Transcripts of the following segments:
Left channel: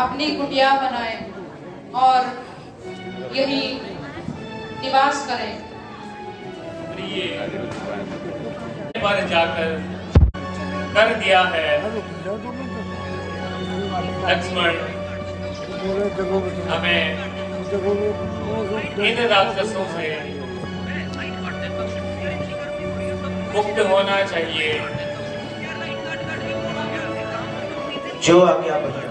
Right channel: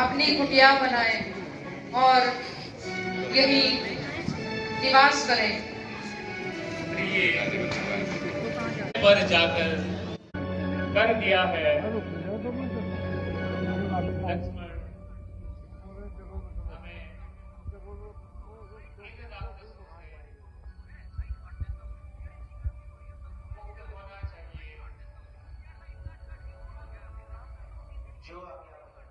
अपनी कुटिया बनाए और यही निवास करें। पर जाकर कर दिया है लक्ष्मण, हमें इन राक्षसों से मुक्त होना चाहिए। जो आज्ञा भैया।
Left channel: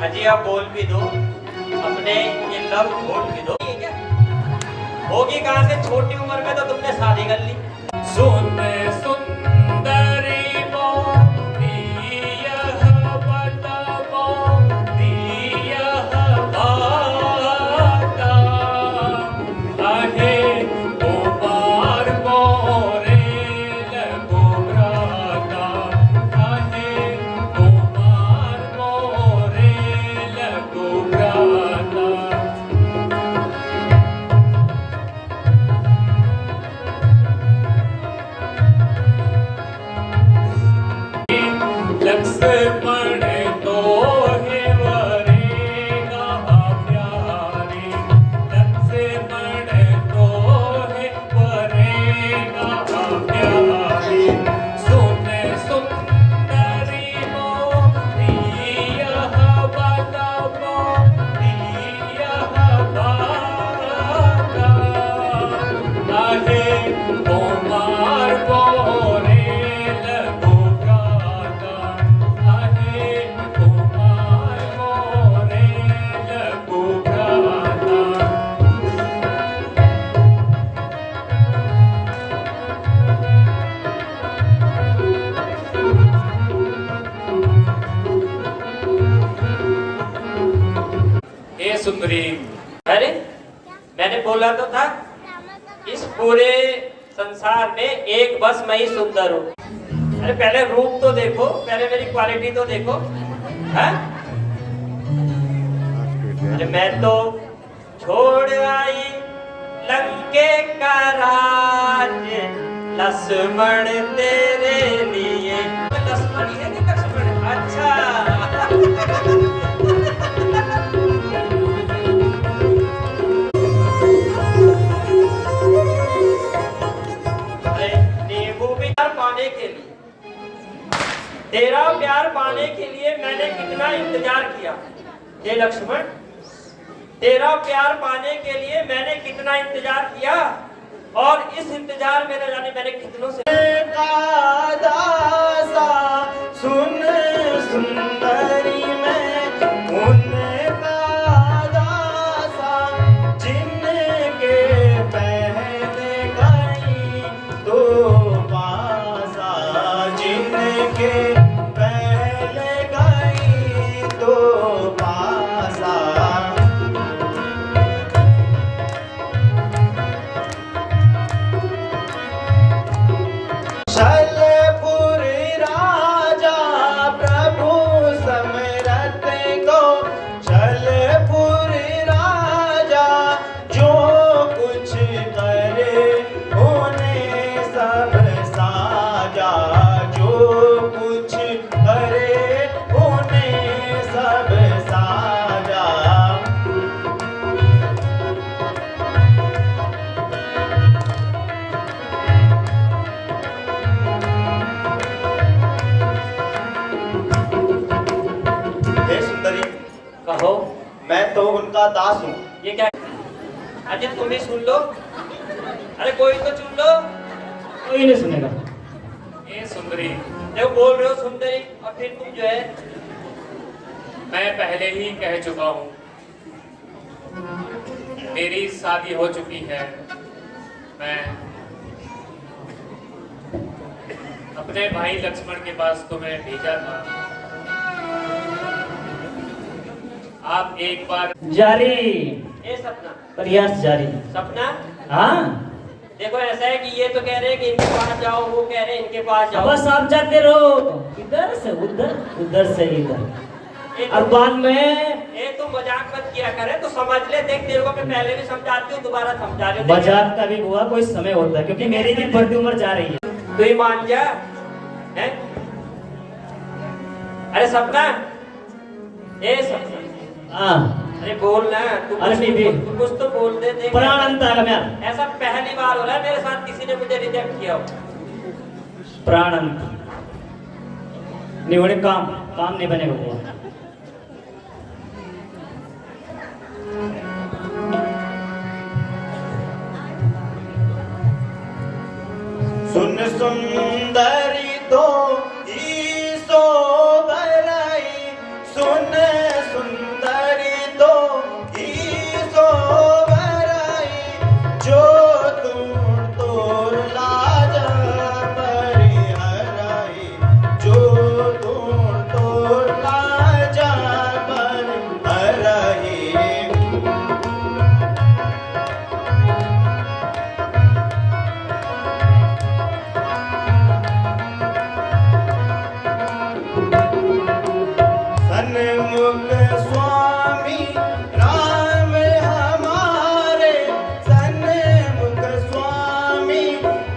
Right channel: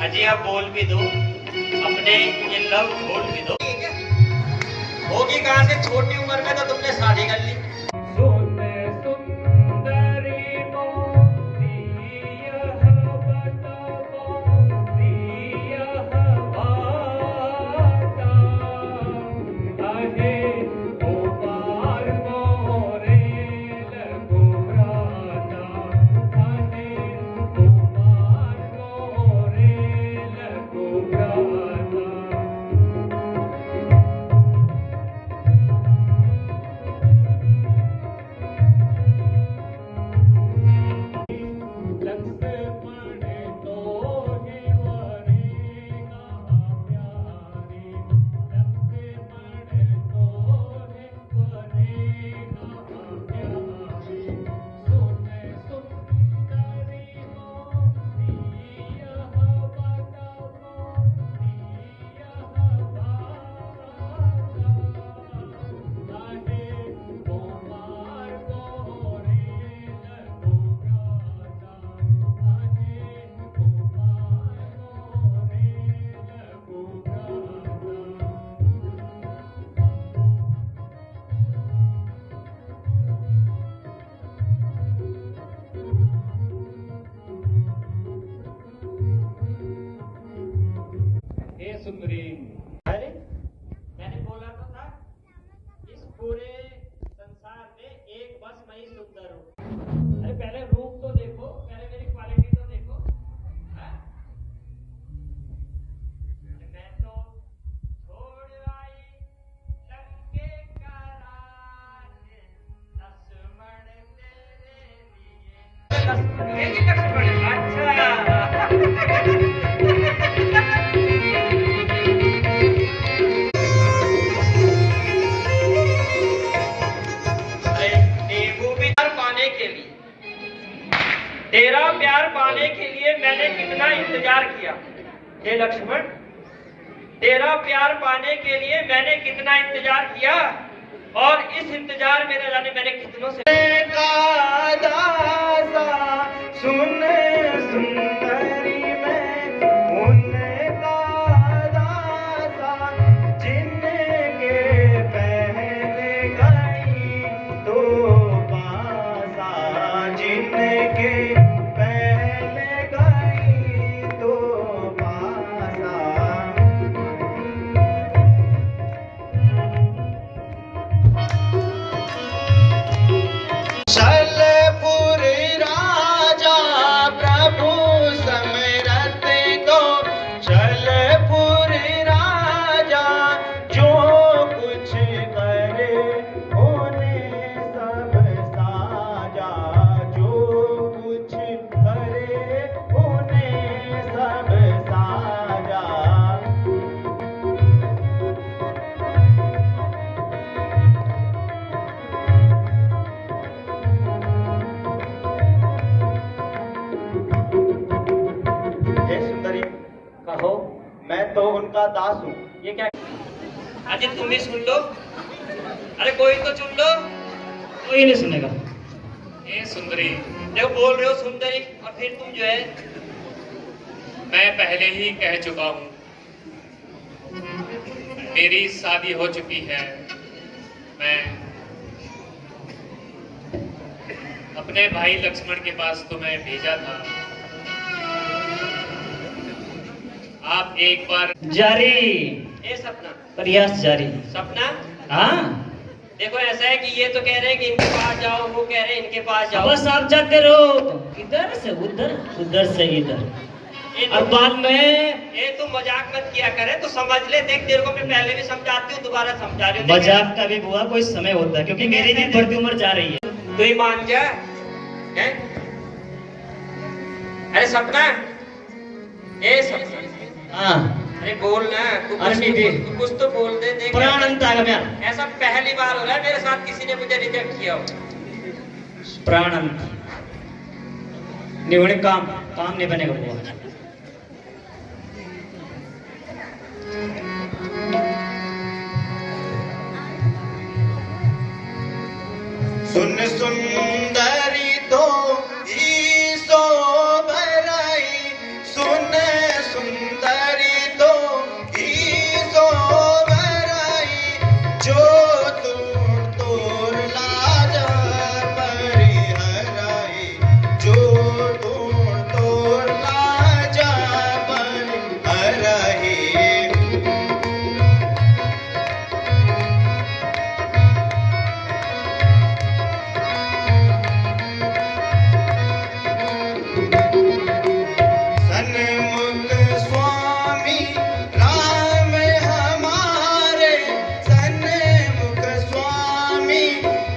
अजी आप बोल भी दो, अपने इन लव बोल भी दो। होगी कहाँ से, छोटी उम्र में तो तुमने शादी कर ली। सुंदरी मोती यह बताओ यह बाता आहे कुमार मोरे लगो राता आहे कुमार मोरे लगो राता। लक्ष्मण तो है वरेगा प्यारे, लक्ष्मण तो है वरेगा प्यारे। सुंदरी मोती यह बताओ यह बाता आहे कुमार मोरे लगो राता आहे कुमार मोरे लगो राता। हे सुंदरी, अरे मैंने बोला तो था इस पूरे संसार में एक बस मैं ही सुंदर हूँ। अरे पहले रूप तो देखो, पहले मेरी क्वालिटी तो देखो है? अरे मैं तो छोड़ आई लंके का राज लक्ष्मण तेरे लिए। लक्ष्मण है कि लक्ष्मण है? अच्छा तेरा प्यार पाने के लिए मैंने कितना इंतजार किया। हे लक्ष्मण, तेरा प्यार पाने के लिए मैंने कितना इंतजार किया और इस इंतजार में न जाने मैंने कितनों से सुन सुंदरी में उनका दासा जिनके पहले गई तो पासा जिनके पहले गई तो पासा। छलपुर राजा प्रभु समरथ को, छलपुर राजा जो कुछ करे उन्हें सब साजा, जो कुछ करे उन्हें सब साजा। हे सुंदरी, कहो। मैं तो उनका दास हूँ। ये क्या? अजी तुम भी सुन लो। अरे कोई तो सुन लो। कोई नहीं सुनेगा। हे सुंदरी, जब बोल रहे हो सुंदरी और फिर तुम जो है मैं पहले ही कह चुका हूँ, मेरी शादी हो चुकी है। मैं अपने भाई लक्ष्मण के पास तुम्हें भेजा था। आप एक बार जारी ये सपना प्रयास जारी। सपना हाँ देखो ऐसा है कि ये तो कह रहे हैं कि इनके पास जाओ, वो कह रहे हैं इनके पास जाओ। बस आप जाते रहो, इधर से उधर, उधर से इधर। और बाद में ये तू मजाक मत किया करे, तो समझ ले। देख तेरे को मैं पहले भी समझाती हूँ, दोबारा समझा रही हूँ। मजाक का भी हुआ कोई समय होता है, क्योंकि मेरी भी बढ़ती उम्र जा रही है। तू ही मान जा है? अरे सपना, ए सपना, हाँ अरे बोल ना तू, अरे बीबी, तू कुछ तो बोल दे। देख प्राण अंत आ गया। ऐसा पहली बार हो रहा है मेरे साथ, किसी ने मुझे रिजेक्ट किया हो। प्राण अंत नहीं होने, काम नहीं बनेगा हुआ। सुन सुंदरी तो ही सो भराई, सुन सुंदरी तो ही सो भराई, जो दूर तोर लाज परिहराई, जो दूर तोर लाज परिहराई। सन्मुख स्वामी राम हमारे, सन्मुख स्वामी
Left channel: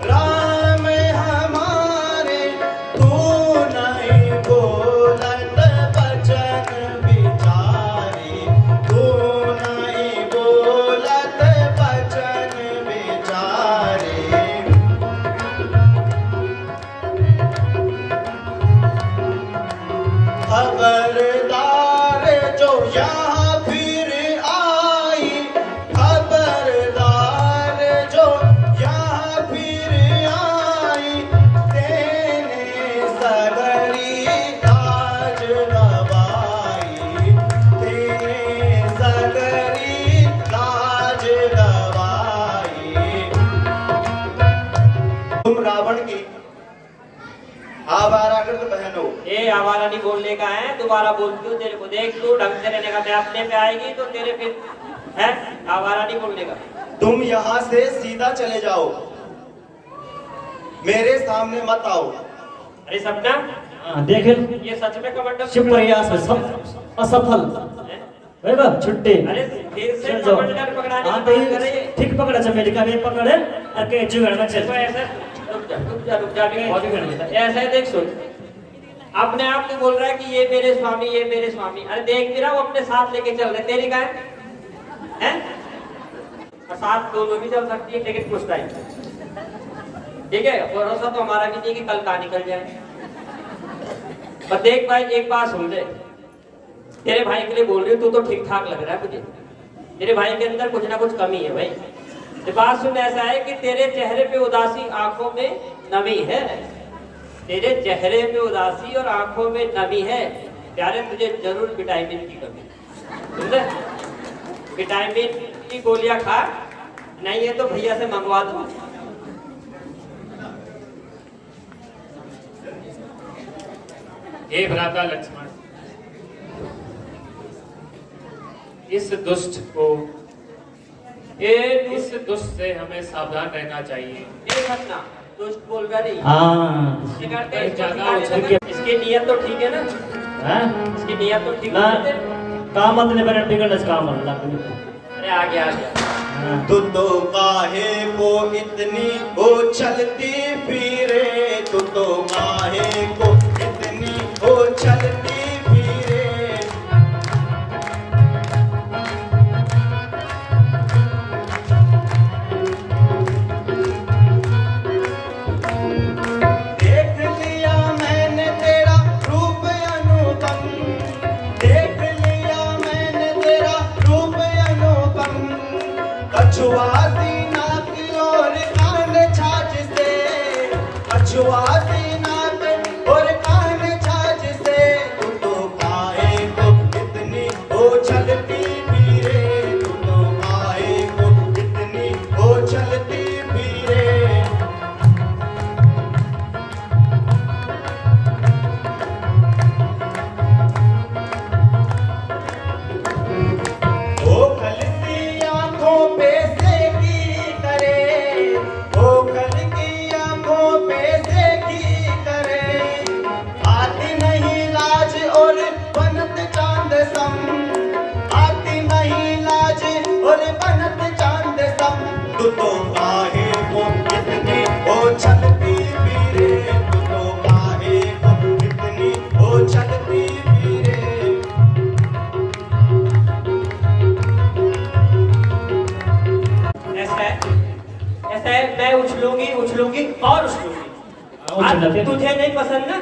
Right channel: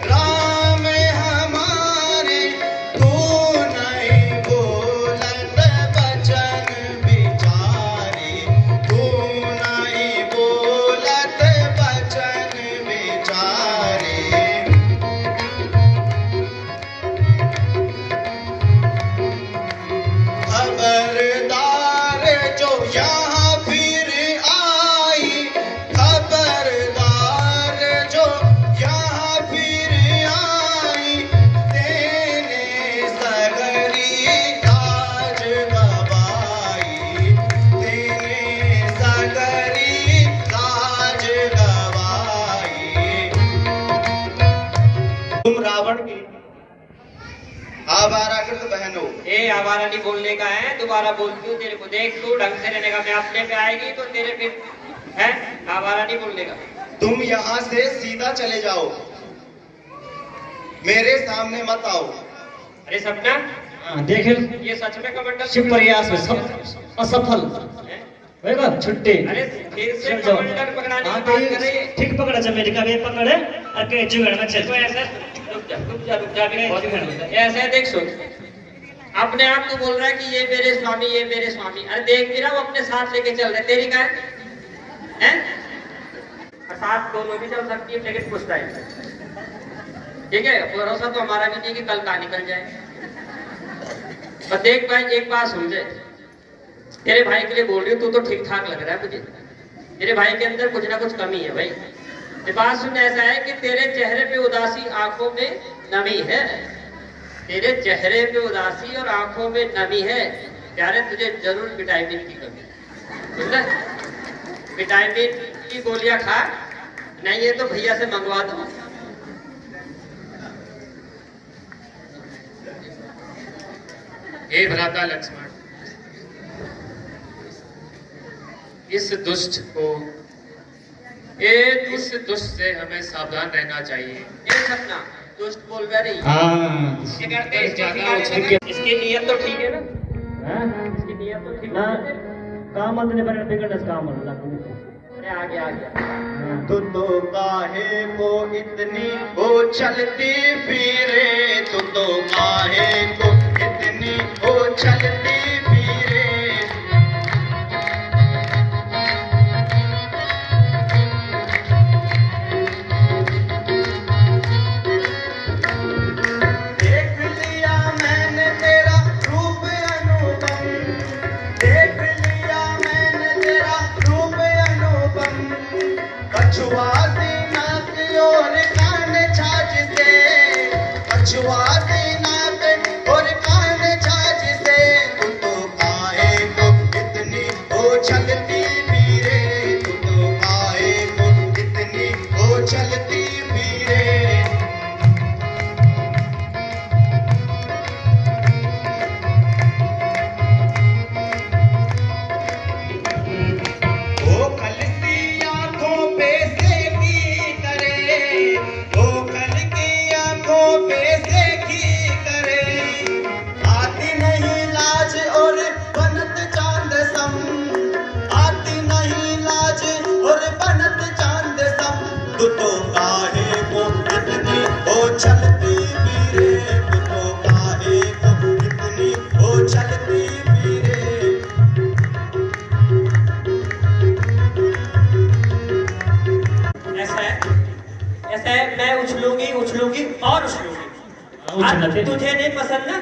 राम हमारे, तू नहीं बोलत बचन बिचारी, तू नहीं बोलत बचन बिचारी। खबरदार जो यहाँ फिर आई, खबरदार जो यहाँ फिर आई, तेने सगरी लाज गवाई, तेने सगरी लाज गवाई। तुम रावण की आवारागर्द बहन हो। ए आवारा नहीं बोलने का है, दोबारा बोलती हूँ तेरे को। देख तू ढंग से रहने का, मैं अपने पे आएगी तो तेरे फिर है। आवारा नहीं बोलने का। तुम यहाँ से सीधा चले जाओ, मेरे सामने मत आओ। अरे सपना, हाँ, देखे ये सच में कमंडल शिव प्रयास में असफल है? होएगा छुट्टी। अरे फिर से चल जाओ। कमंडल पकड़ाने हाँ, की तो बात कर रही है। ठीक पकड़ा जब मेरे का वे पकड़े और के जुगड़ में चल। देखो ऐसे रुक जा भी बहुत है। ऐसे देख सुन, अपने आप तो बोल रहा है कि ये मेरे स्वामी, ये मेरे स्वामी। अरे देख भी रहा वो अपने साथ लेके चल रहे, तेरी का है? साथ दोनों भी चल सकती है, लेकिन पूछता है ठीक है। भरोसा तो हमारा भी नहीं कि कल का निकल जाए। पर देख भाई एक बात समझे, तेरे भाई के लिए बोल रही हूँ, तू तो ठीक ठाक लग रहा है मुझे। तेरे भाई के अंदर कुछ ना कुछ कमी है भाई। ये बात सुन, ऐसा है कि तेरे चेहरे पे उदासी, आंखों में नमी है। तेरे चेहरे पे उदासी और आंखों में नमी है प्यारे, तुझे जरूर विटामिन की कमी, समझे? विटामिन की गोलियां खा, नहीं है तो भैया से मंगवा दो। हे भ्राता लक्ष्मण, इस दुष्ट से हमें सावधान रहना चाहिए। ये सपना दुष्ट बोल रही। हाँ, ये करते हैं, ज्यादा इसको उछल सिखाने का। इसकी नीयत तो ठीक है ना? हाँ? इसकी नीयत तो ठीक ना, है। काम अपने बने बिगड़ काम अल्लाह। अरे आ गया। तू तो काहे को इतनी हो चलती फिरे, तू तो काहे को इतनी हो चलती फिरे। देख लिया मैंने तेरा रूप अनुपम, देख लिया मैंने तेरा रूप अनुपम, कछुआ सी नाक और कान छाछ से, कछुआ सी नाक और कान छाछ से, दे। तुझे नहीं पसंद ना,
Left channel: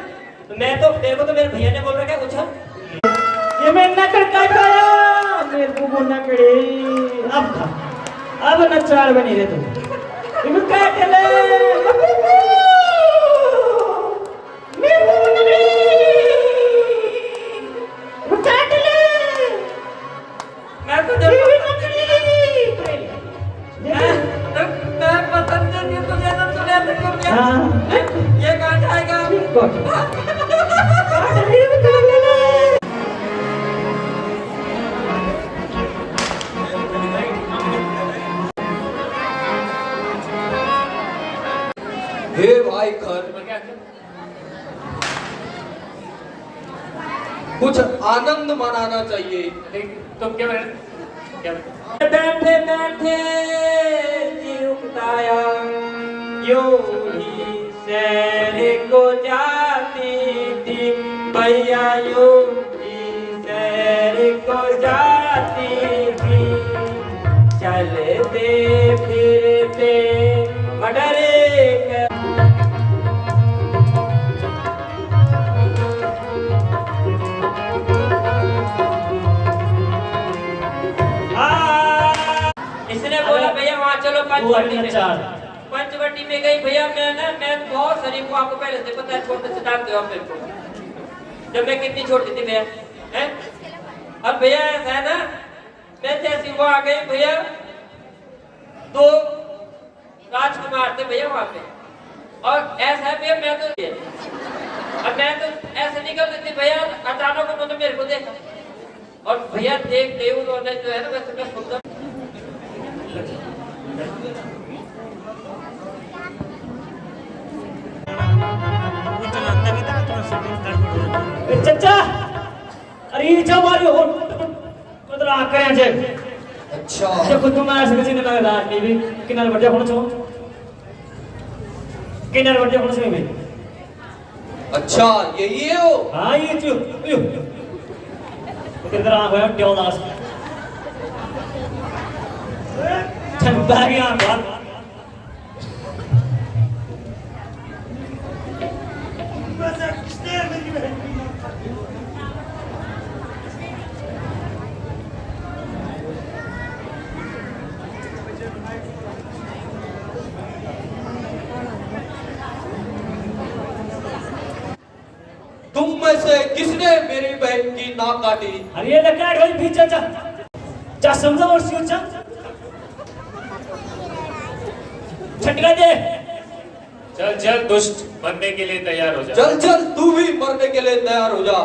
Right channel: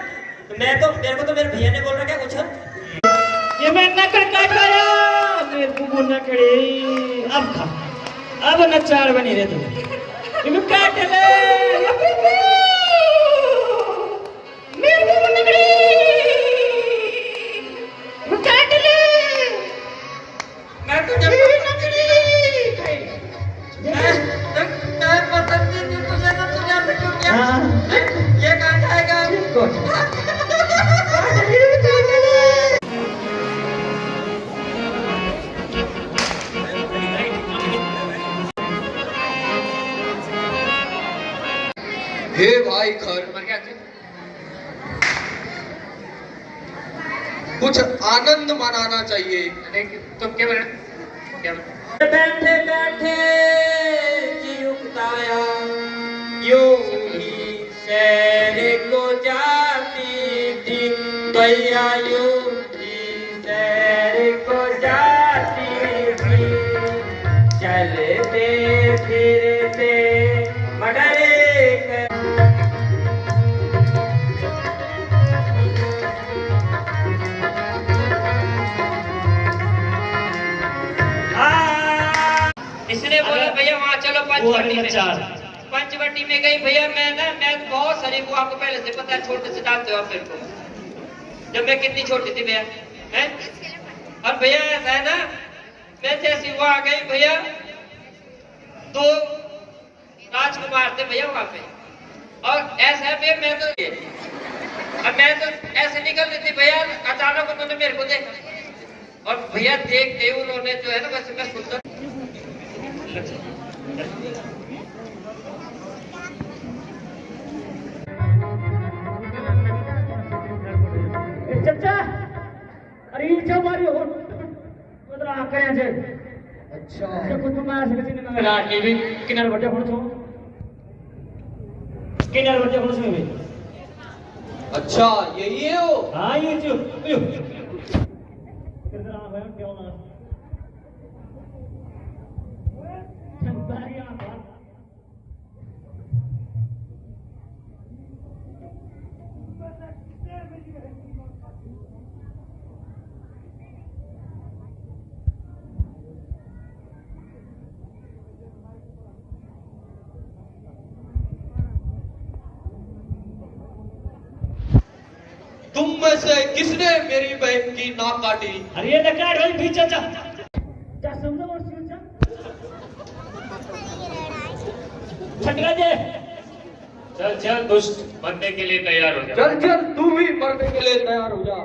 तो मेरे को तो मेरे भैया ने बोल रखा है उछल। ये मैं नकल काट रहा मेरे को नकड़ी। अब खा, अब नचार बनी रे तू। ये काट ले मेरे को नकड़ी, वो काट ले। मैं तुझे मैं पसंद नहीं थी तुझे, तो तुझे ऐसे क्यों किया? हाँ। ये कहाँ जाएगा? हे भाई खर, और क्या क्या? कुछ आनंद मनाना चाहिए। तुम क्या बना क्या बना? बैठे बैठे जी उगताया, यूं ही शहर को जाती थी भैया, यूं ही शहर को जाती थी। चलते फिरते मडरे इसने बोला भैया वहाँ चलो पंचवटी में। पंचवटी में गई भैया, मैं बहुत शरीफ हूँ, आपको पहले से पता है, छोटे से जानते हो आप मेरे को, जब मैं कितनी छोटी थी भैया हैं। और भैया ऐसा है ना, मैं जैसी वो आ गई भैया, 2 राजकुमार थे भैया वहाँ पे, और ऐसा है भैया मैं तो ऐसे निकल रही थी भैया, अचानक उन्होंने मेरे को देखा, और भैया देखते ही उन्होंने जो है ना, वैसे मैं सुंदर चाचा, अरे ये जो हमारी हो मतलब आके यहाँ से। अच्छा देखो तुम्हारे से किसी ने लगा रात में भी किनारे बढ़ जाओ छो, किनारे बढ़ जाओ छो में। अच्छा यही है वो। हाँ ये जो किधर आ गया ड्योलास ठंडा गया बात। तुम में से किसने मेरी बहन की नाक काटी? अरे ये लेकर गई भी चाचा, चा समझो और सियो चा छटका दे। चल चल दुष्ट, बनने के लिए तैयार हो जा। चल चल तू भी मरने के लिए तैयार हो जा।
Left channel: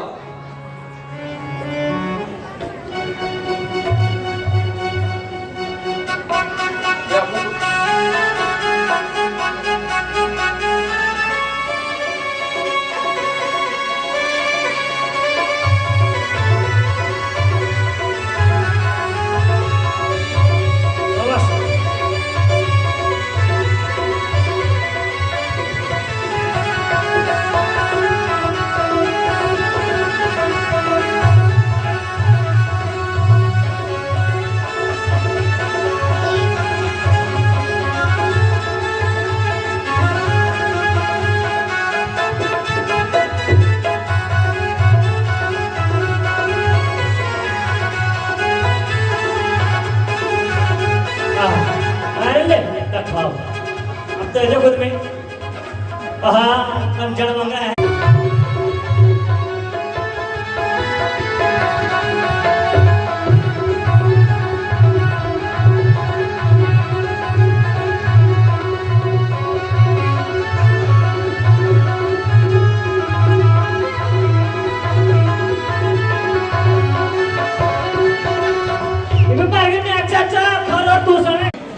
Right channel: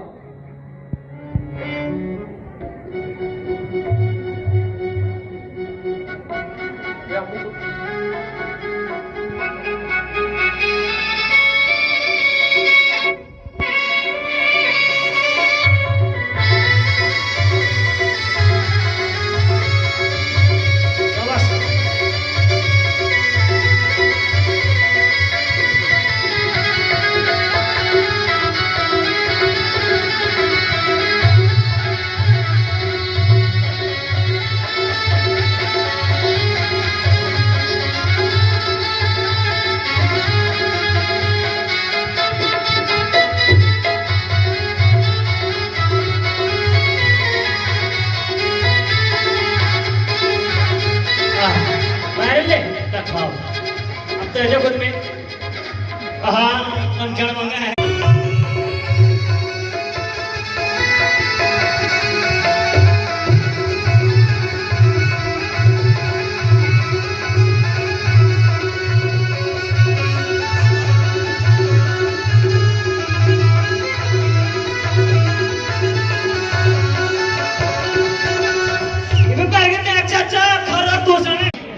अब तो ऐसे खुद में हाँ जड़ मंगा है।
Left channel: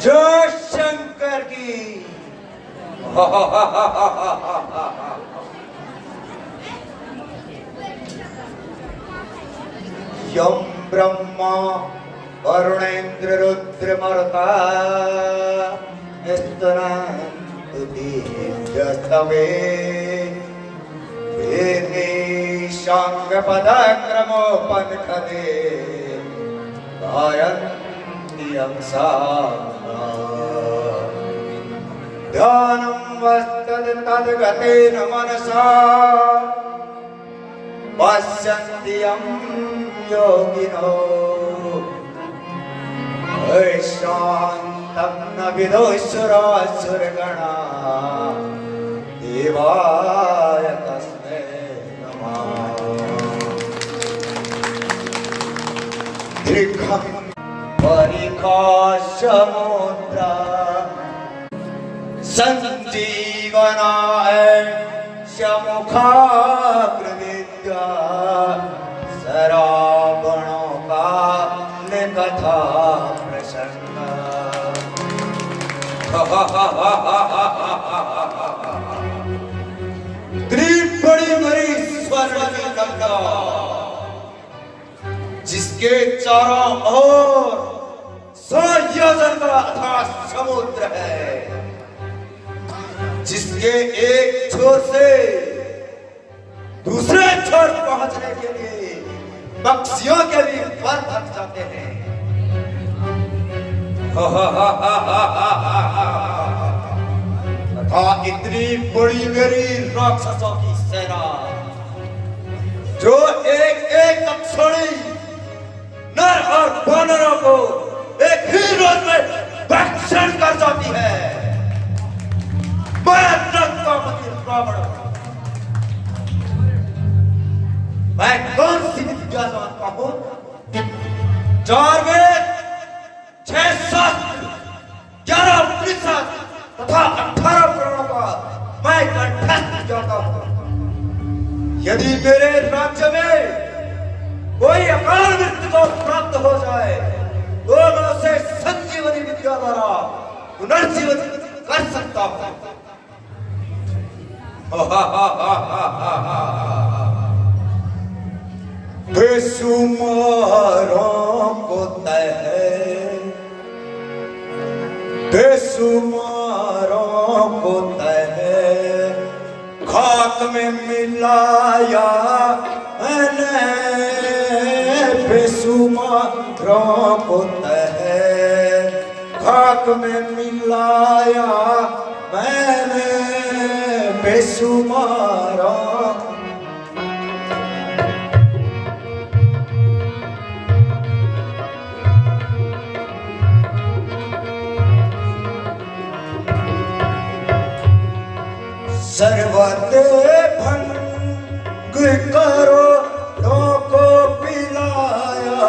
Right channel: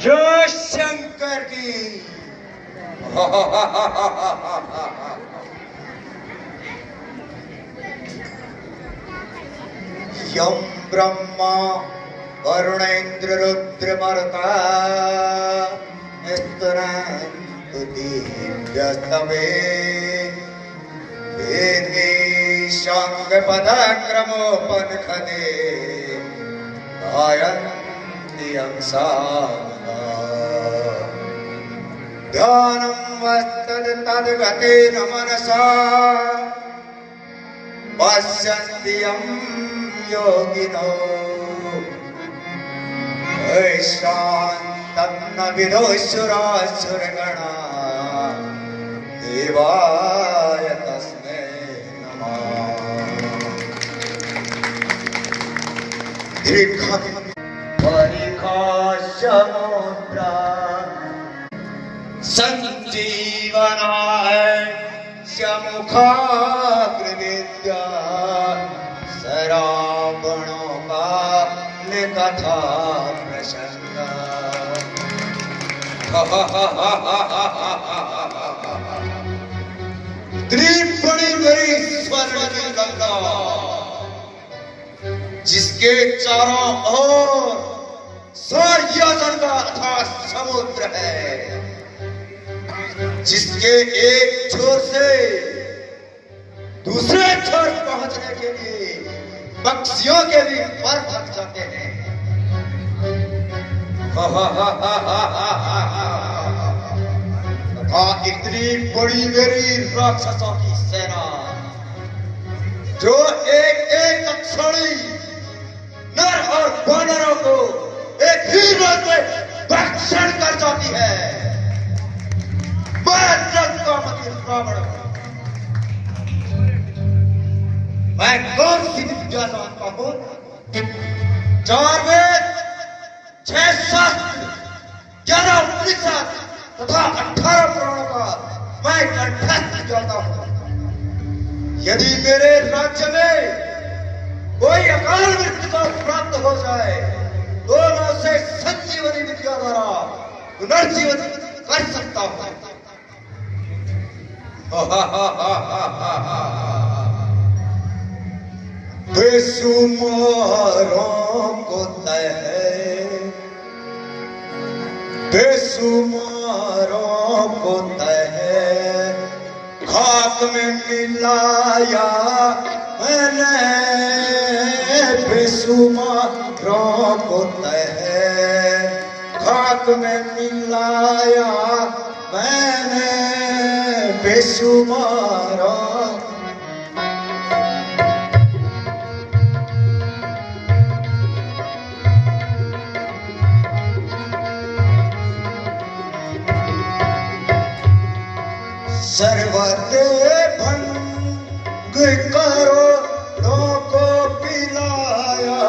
जय शंकर की। यम ब्रह्मा वरुणेन्द्र रुद्र मरुता स्तुनन्ति दिव्यस्तवे वेदे शांग पदक्रमोपनिषदे गायन्ति अंसा ध्यानम् तद्गतेन मनसा पश्यन्ति यं योगिनो शान्तं न विदुषुरासुरगणा देवाय तस्मै नमः। दीर्घं परिखासमुद्रा संजीवनाय श्यामुखाग्रविद्या सरावणों का कथा प्रसंग। इतनी बड़ी बड़ी स्वर्ण की गंगा जिसके चारों ओर 100 योजन का अथाह समुद्र है, जिसके एक छोर से दूसरे छोर पहुंचने के लिए पक्षियों के भी पर थक जाते हैं। तथा इतनी बड़ी मेरी राक्षसों की सेना जो एक एक अक्षौणी नर और वानरों को एक ही रोज में भक्षण कर जाती है। मैं लंकापति रावण, मैं कौन सी विद्या जानता हूं? 4 वेद, 6 शास्त्र, 11 उपनिषद तथा 18 पुराणों का मैं कंठस्थ जानता हूं। यदि मेरे राज्य में कोई अकाल मृत्यु को प्राप्त हो जाए तो मैं उसे संजीवनी विद्या द्वारा पुनर्जीवित कर सकता हूं। बेसुमारों को तय, बेसुमारों को तय खाक में मिलाया मैंने, बेसुमारों को तय खाक में मिलाया मैंने, बेसुमारों सर्वते भंग करो को पिलाया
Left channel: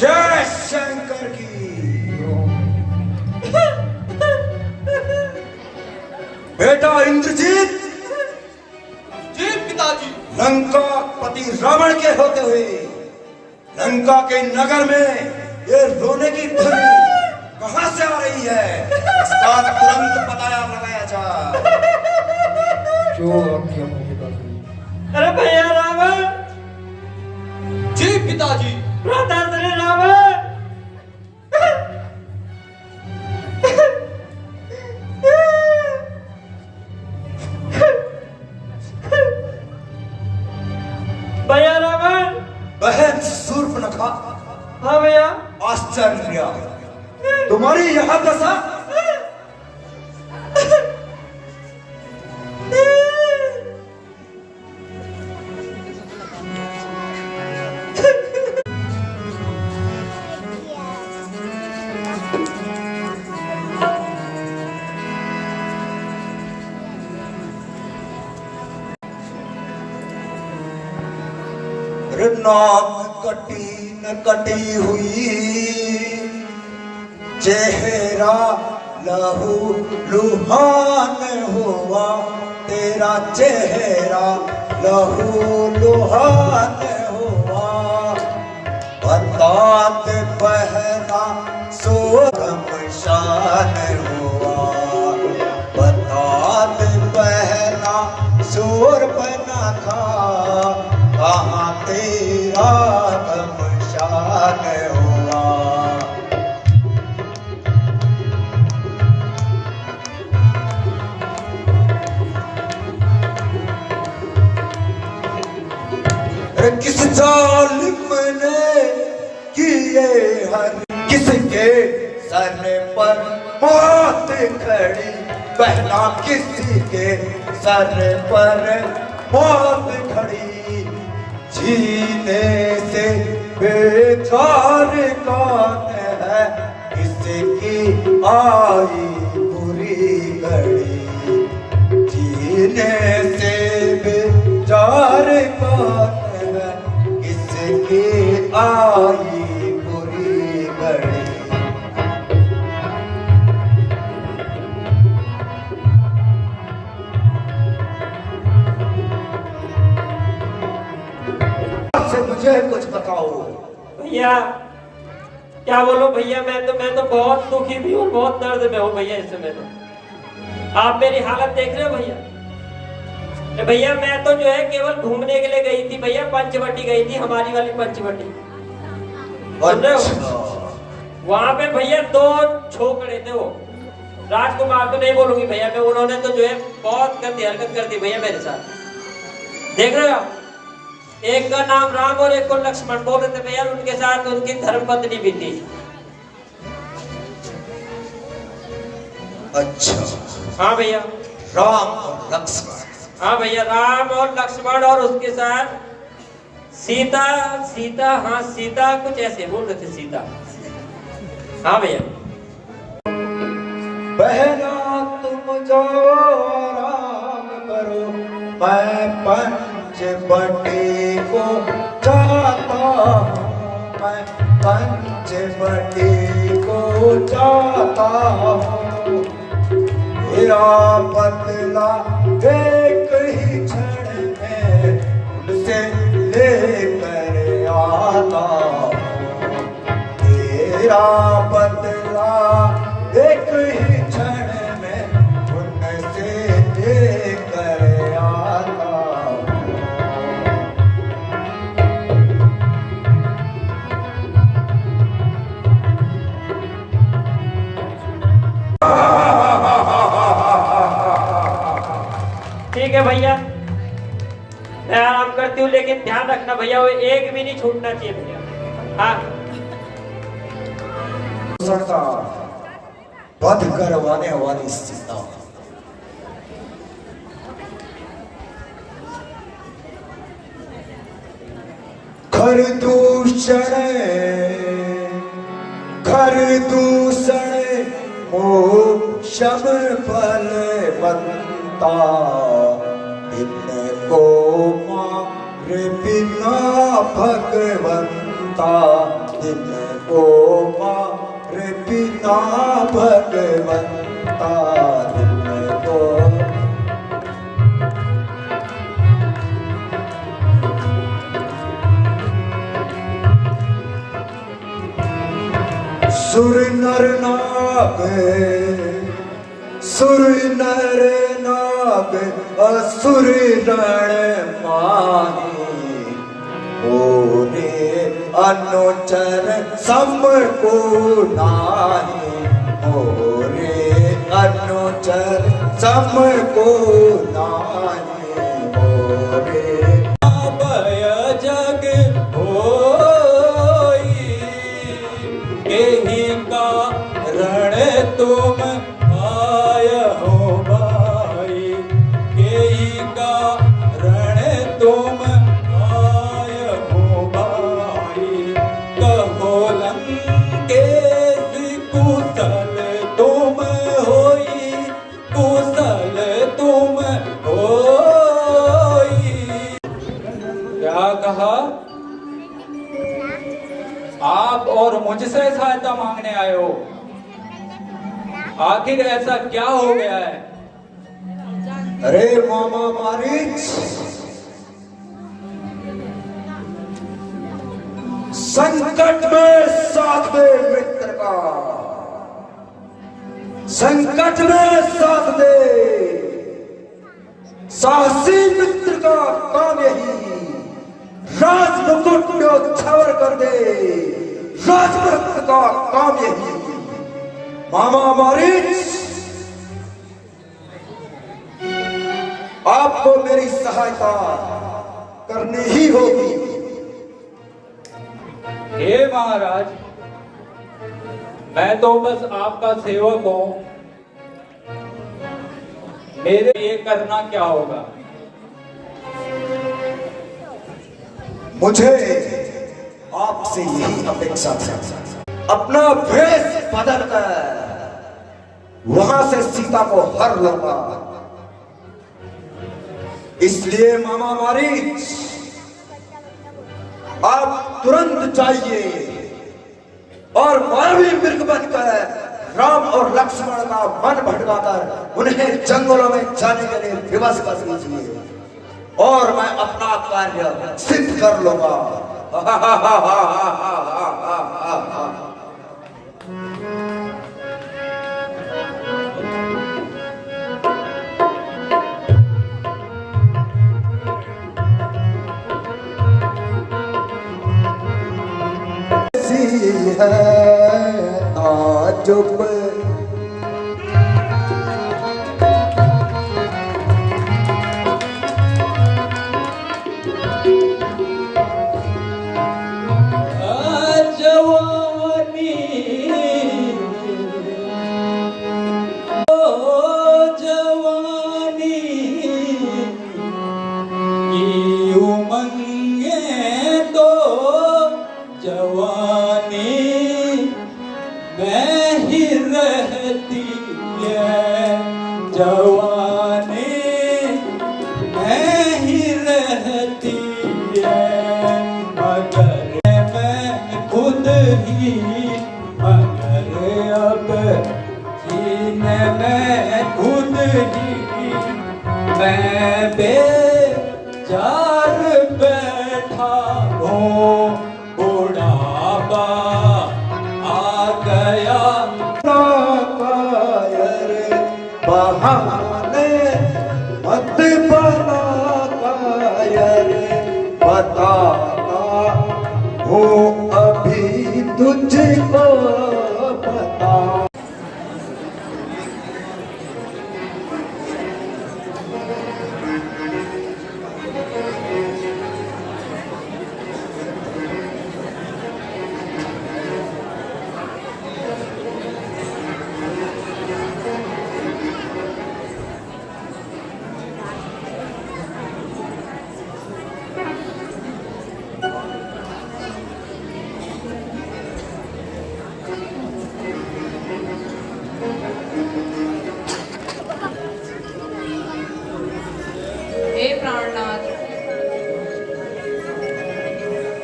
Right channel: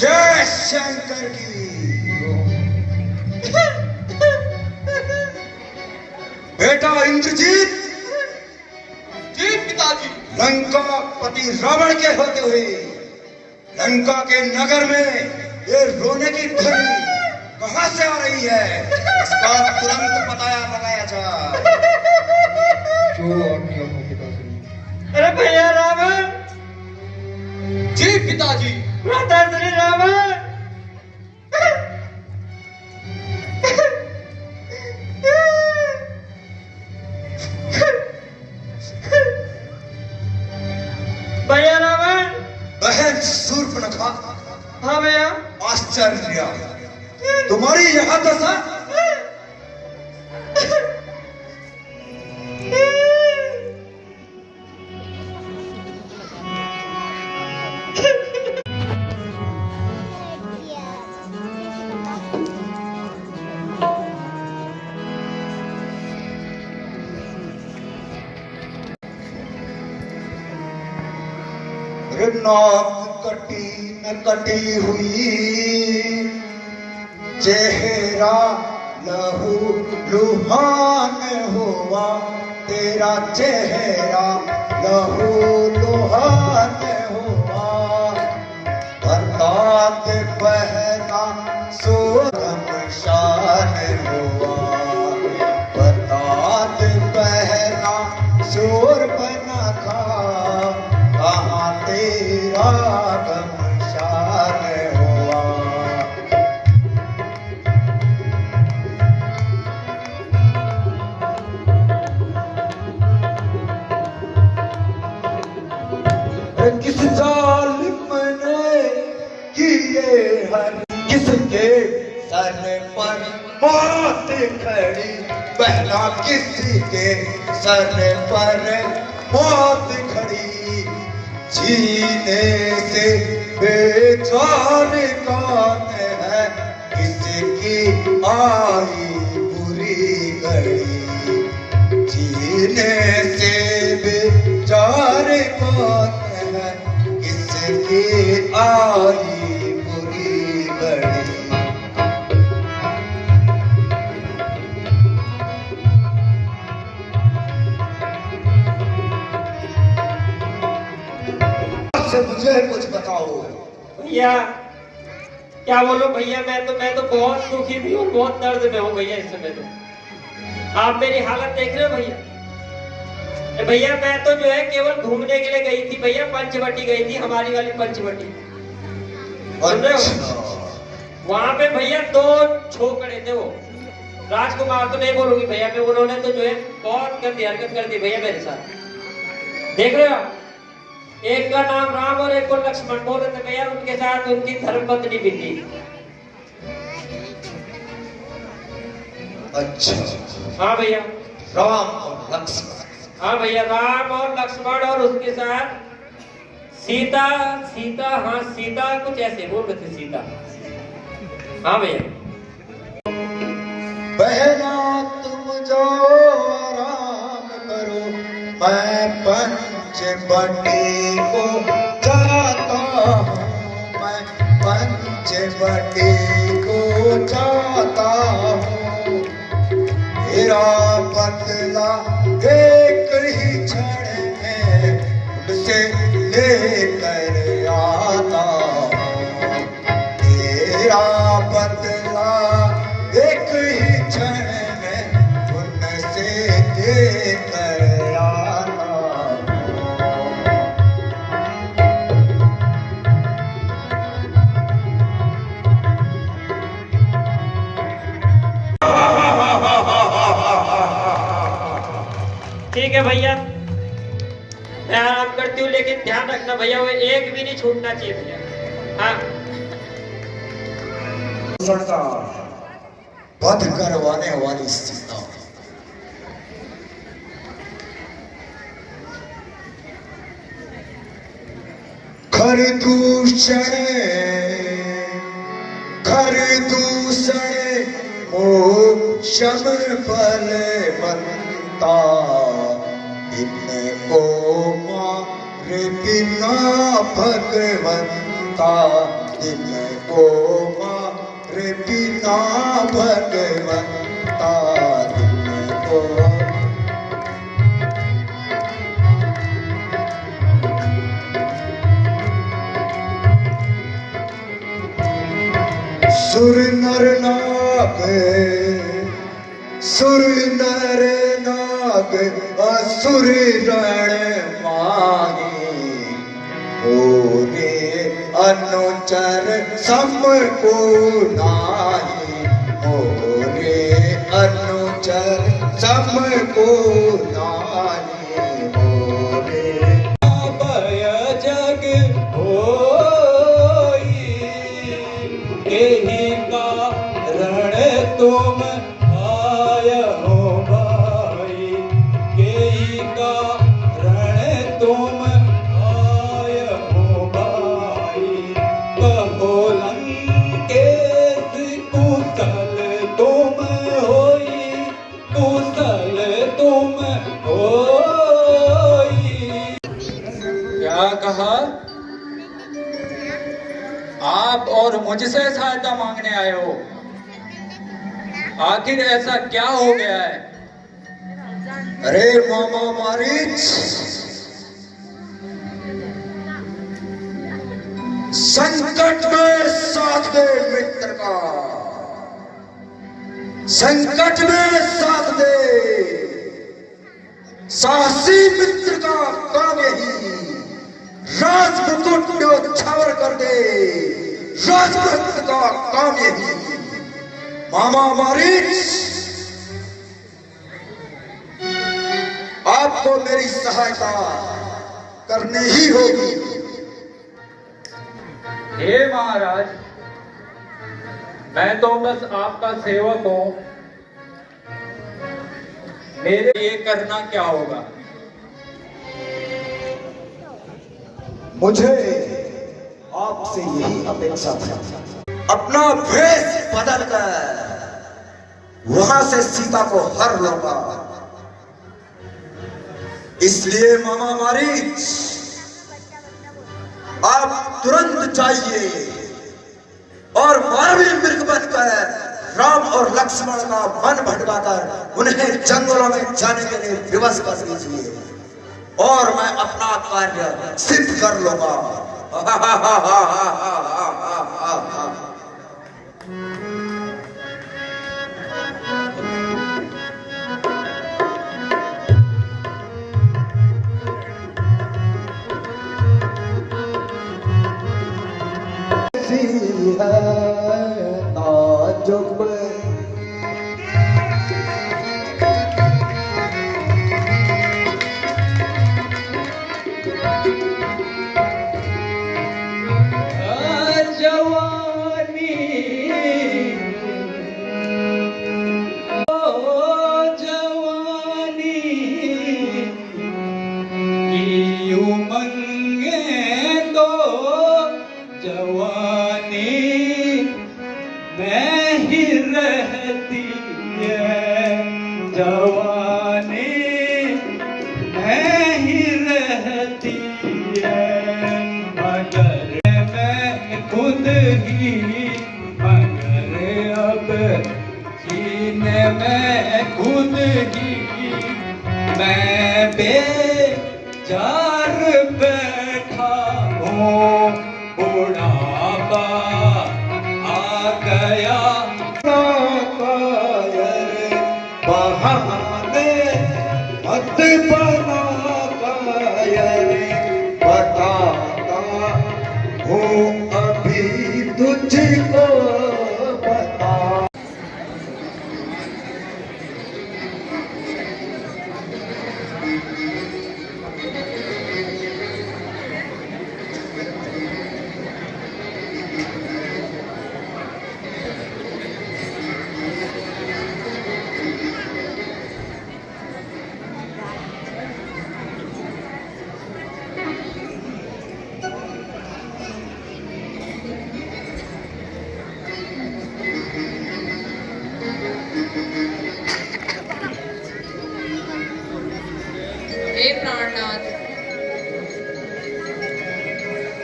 जय शंकर की। बेटा इंद्रजीत, जी पिताजी। लंकापति रावण के होते हुए लंका के नगर में ये रोने की ध्वनि कहां से आ रही है? इसका तुरंत पता लगाया जाए। जो आज्ञा हो पिताश्री। अरे भैया रावण। जी पिताजी। राधा श्री रावण। भैया रावण। बहन शूर्पणखा। हाँ भैया। आश्चर्य, तुम्हारी यह दशा? नाक कटी न कटी हुई, चेहरा लहू लुहान हुआ, तेरा चेहरा लहू लुहान हुआ। बरसात पहना सोरम शान हुआ, बरसात पहना सोर बना खा, कहाँ तेरा गमशान हुआ। अरे किस जालिम ने किए हर किसके सर पर मौत खड़ी, बहना किसी के सर पर मौत खड़ी। जीने से बेचार कौन है, किसकी आई बुरी घड़ी। जीने से बेचार कौन है, किसकी आई बुरी घड़ी। मुझे कुछ बताओ भैया। क्या बोलो भैया, मैं तो बहुत दुखी भी हूँ, बहुत दर्द में हूँ भैया इस समय। तो आप मेरी हालत देख रहे हो भैया। भैया मैं तो जो है केवल घूमने के लिए गई थी भैया, पंचवटी गई थी, हमारी वाली पंचवटी, सुन रहे हो? वहां पे भैया 2 छोकरे थे, वो राजकुमार तो नहीं बोलूंगी भैया मैं, उन्होंने तो जो है बहुत गंदी हरकत कर दी भैया मेरे साथ। देख रहे हो आप, एक का नाम राम और एक को लक्ष्मण बोल रहे थे भैया, उनके साथ उनकी धर्मपत्नी भी थी। अच्छा हाँ भैया, राम और लक्ष्मण। हाँ भैया, राम और लक्ष्मण और उसके साथ सीता। हाँ सीता कुछ ऐसे बोल रहे थे, सीता। हाँ भैया। बहना तुम जाओ आराम करो, मैं पंचवटी को जाता हूँ, मैं पंचवटी को जाता हूँ। मेरा बदला एक ही क्षण में उनसे लेकर आता हूँ। मेरा बदला एक ही क्षण में उनसे लेकर आता हूँ। ठीक है भैया, मैं आराम करती हूँ, लेकिन ध्यान रखना भैया, वो एक भी नहीं छूटना चाहिए भैया। हाँ का वध करवाने वाली सीता, घर दूषण मोक्षम बलवंता, इनको मारे बिना भगवंता, इनको मारे बिना भगवंता, इनको। सुर नर नाग असुर रण माही, ओरे अनुचर सम को नाही, ओरे अनुचर सम को नाही, ओरे भय जग होई, एहि कारण तुम आय हो भाई, एहि कारण तुम आय हो भाई। कहो लंकेश कुशल तुम होई, कुशल तुम होई। क्या कहा? आप और मुझसे सहायता मांगने आए हो? आखिर ऐसा क्या हो गया है? अरे मामा मारीच, संकट में साथ दे मित्र का, संकट में साथ दे साहसी मित्र का काम यही, राज मुकुट न्योछावर कर दे राजभक्त का काम यही। मामा मारीच, आपको मेरी सहायता करनी ही होगी। हे महाराज, मैं तो बस आपका सेवक हूं। मेरे ये करना क्या होगा? मुझे आपसे यही अपेक्षा थी। अपना भेष बदलकर वहां से सीता को हर लूंगा। इसलिए मामा मारीच, आप तुरंत जाइए और मानवीय मृग बनकर राम और लक्ष्मण का मन भटकाकर उन्हें जंगलों में जाने के लिए विवश कर दीजिए और मैं अपना कार्य सिद्ध कर लूंगा।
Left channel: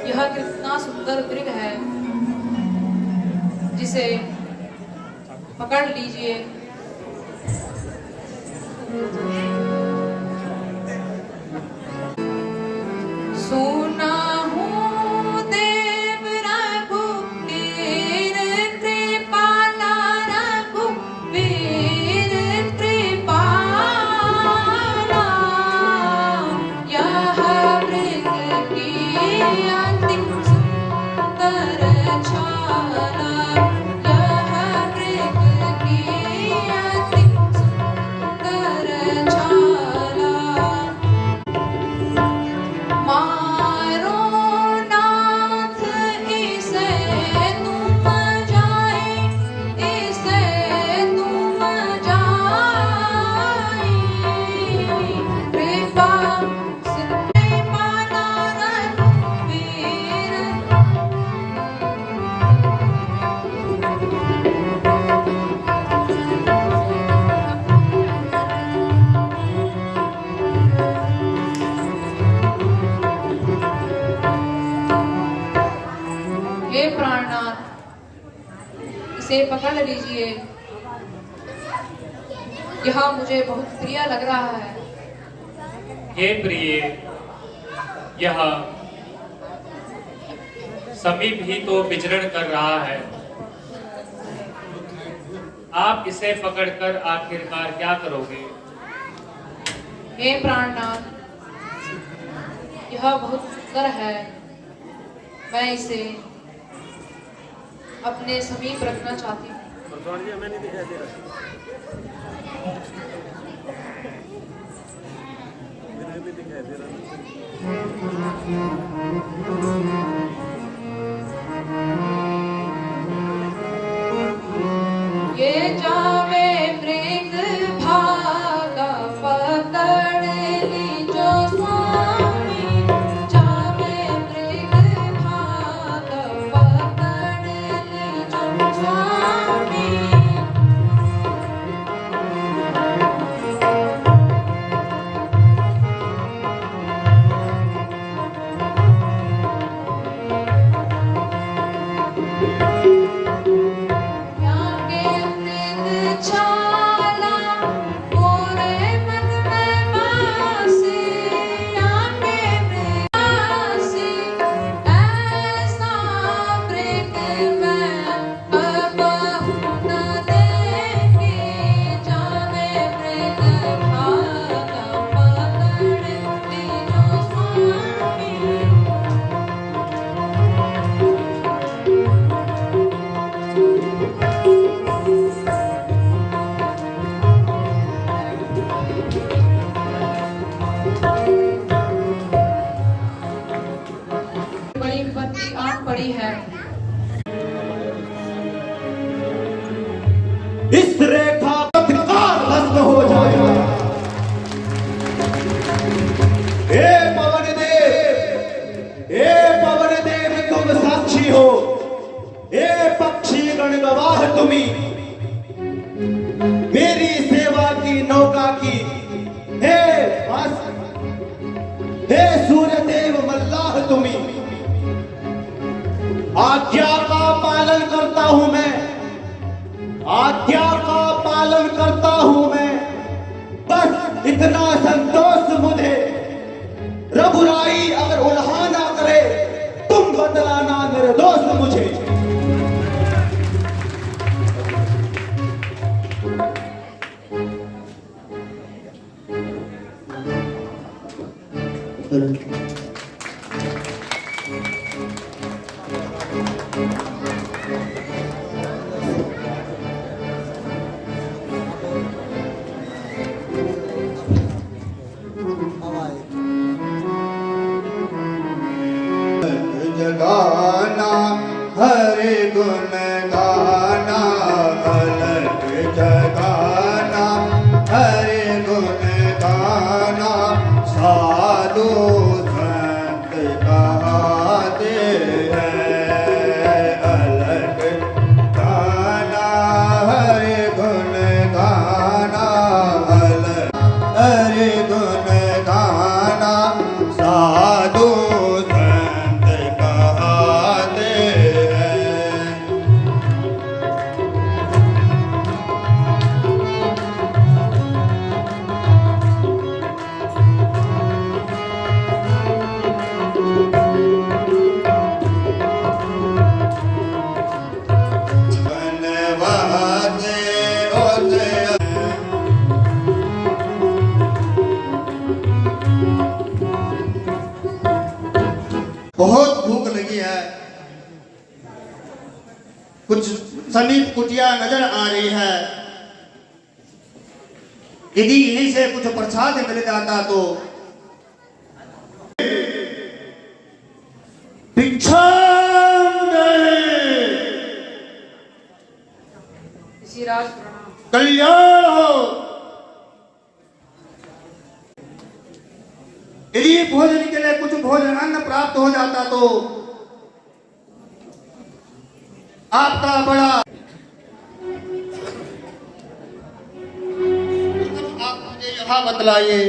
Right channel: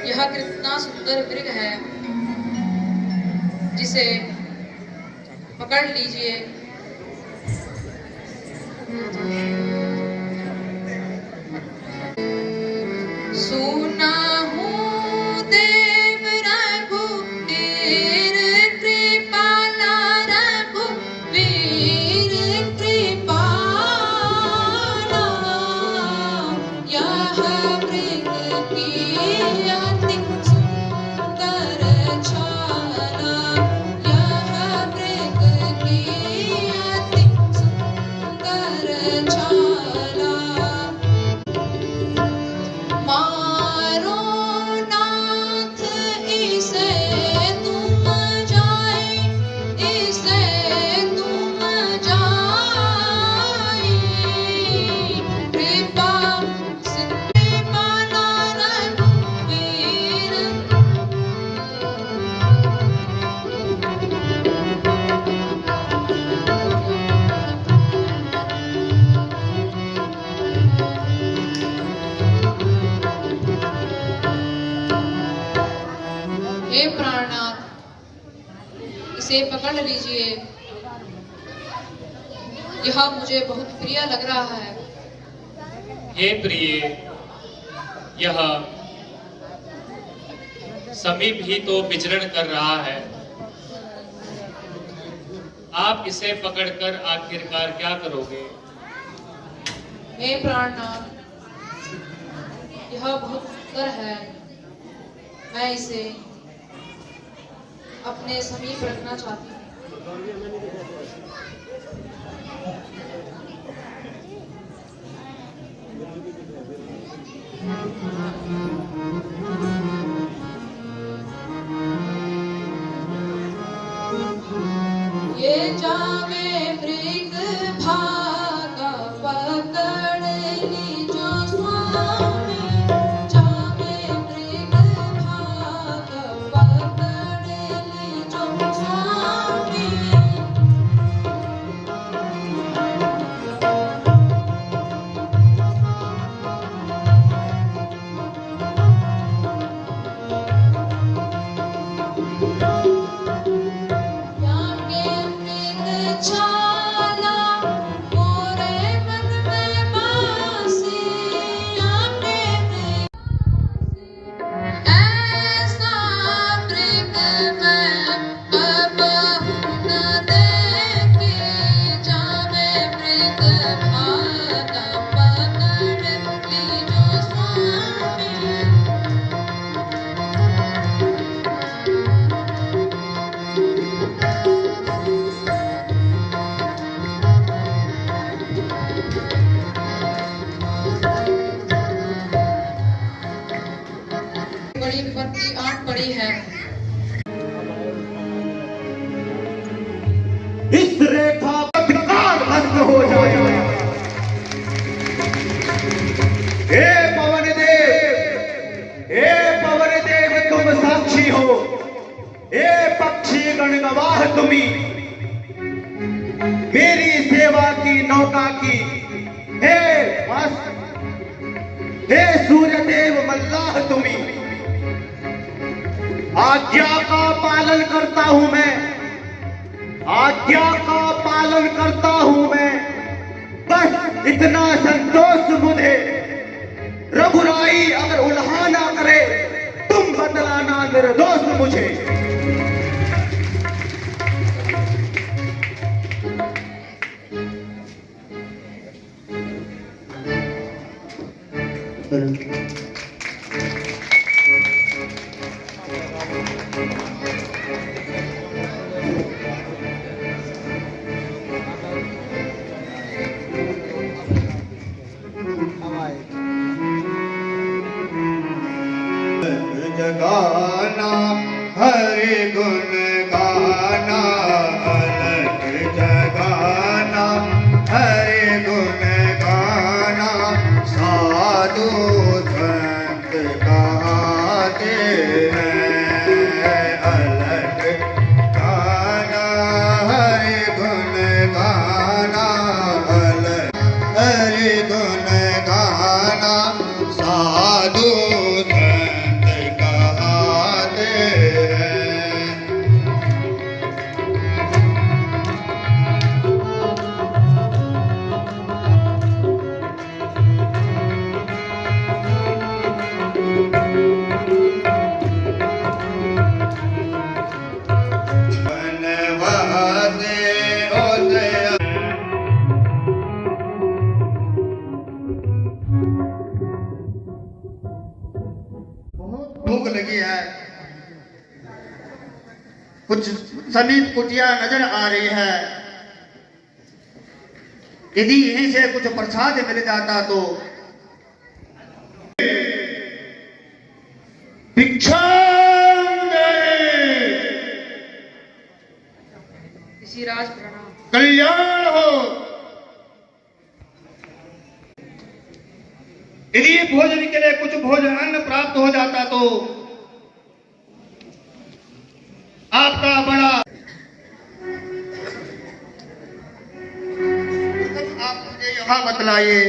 यह कितना सुंदर मृग है, जिसे पकड़ लीजिए। सुना हूँ देव रघुवीर कृपाला, रघुवीर कृपाला, यह मृग की अति सुंदर छाला, यह मृग की अति सुंदर छाला। मारो नाथ इसे तुम जाए, इसे तुम जाए, कृपा सिद्धि माना रघुवीर। हे प्राणनाथ, इसे पकड़ लीजिए। यह मुझे बहुत प्रिय लग रहा है। हे प्रिय, यह समीप ही तो विचरण कर रहा है। आप इसे पकड़कर आखिरकार क्या करोगे? हे प्राणनाथ, यह बहुत सुंदर है। मैं इसे अपने समीप रखना चाहती हूँ। हूं मैं, आज्ञा का पालन करता हूं मैं, बस इतना संतोष मुझे। रघुराई अगर उल्हा ना करे तुम बतलाना निर्दोष मुझे। जगाना हरि गुण गाना, अलग जगाना हरि गुण गाना, साधु संत कहाते हैं। अलग गाना हरि गुण गाना, अलग हरि गुण गाना, साधु बहुत भूख लगी है, कुछ समीप कुटिया नजर आ रही है। यदि इन्हीं से कुछ प्रसाद मिल जाता तो। ऋषिराज प्रणाम। कल्याण हो। यदि भोजन के लिए कुछ भोजन अन्न प्राप्त हो जाता तो आपका बड़ा। आप मुझे यहाँ बतलाइए,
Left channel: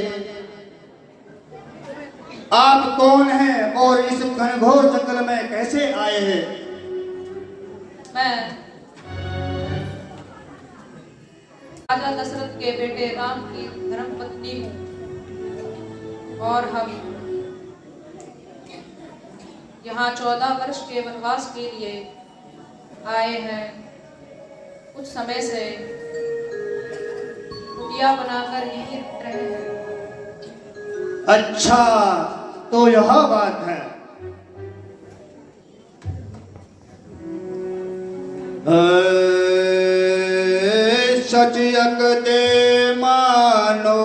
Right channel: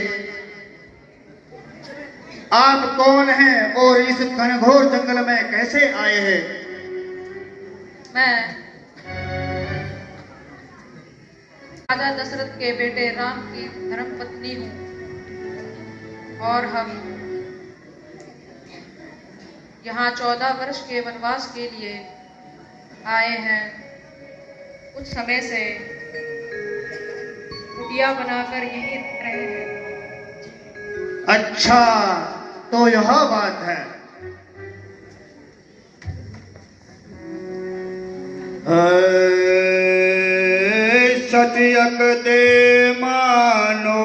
आप कौन हैं और इस घनघोर जंगल में कैसे आए हैं? मैं राजा दशरथ के बेटे राम की धर्मपत्नी हूँ और हम यहाँ 14 वर्ष के वनवास के लिए आए हैं। कुछ समय से कुटिया बनाकर यहीं रहे हैं। अच्छा, तो यह बात है। सचयक दे